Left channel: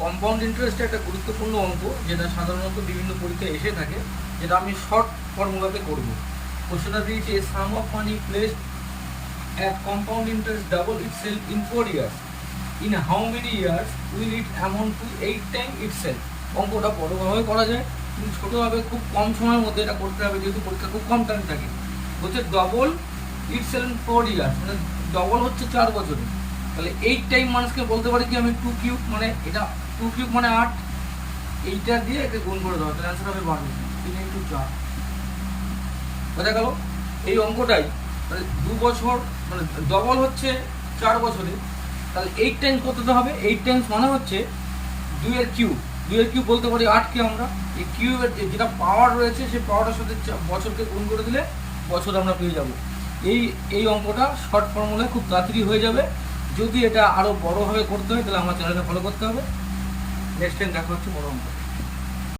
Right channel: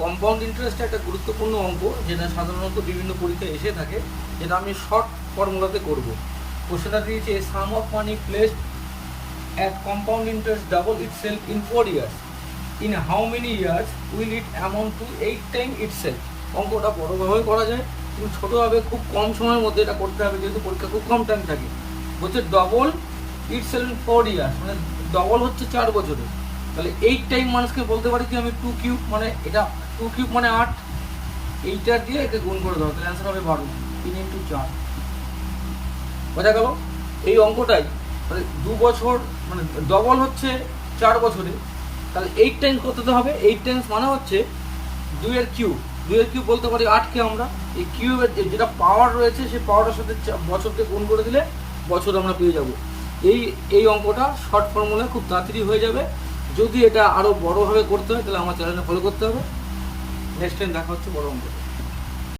Compound interest একটা গুরুত্বপূর্ণ অঙ্ক, যেটা সাধারণত বিভিন্ন পরীক্ষায় এসে থাকে, যেটা আমি শর্ট ফর্মুলাতে করব। কোশ্চেনটা দিয়েছে sum of money placed at compound interest double itself in 4 years, in how many years will it amount to 8 time itself. অঙ্কটা বড়োভাবে করা যায়, কিন্তু ছোটোভাবে খুব কম সময়ের মধ্যে এটা করতে হবে, যেহেতু পরীক্ষা খুব কম টাইম থাকে। বলছে ডবল ইটসেলফ 4 ইয়ার্স, মানে ডবল হচ্ছে 4 বছরে। তাহলে 8 টাইম মানুষকে বলতে পারি কি আমি 2 কিউব, মানে এটা 2 কিউব মানে 8, এইটার দিয়ে একে গুণ করে দেওয়া, তাহলে অ্যান্সার হবে 12, 3 ইন্টু 4। বোঝা গেল? এই অঙ্কটাই মানে 2 বছর, মানে ডবল হচ্ছে 4 বছরে, তাহলে 8 টাইমস কতটা হবে? 8 টাইমস মানে হচ্ছে 2 এর কিউব। 2 এর কিউব বলতে পারি 8কে আমরা। এই কিউবের যেটা পাওয়ার রয়েছে সেই পাওয়ারের সাথে বছরকে গুণ করে দিলে বছর আমরা পেয়ে যাব। এই অঙ্কটা শর্ট ফর্মুলা খুব তাড়াতাড়ি হয়ে যাবে। যদি এটা আরও বড়োভাবে করতে হয় তাহলে আমার চ্যানেলটা ফলো করতে হবে। নেক্সট টাইম দেখা হচ্ছে বড় অঙ্ক।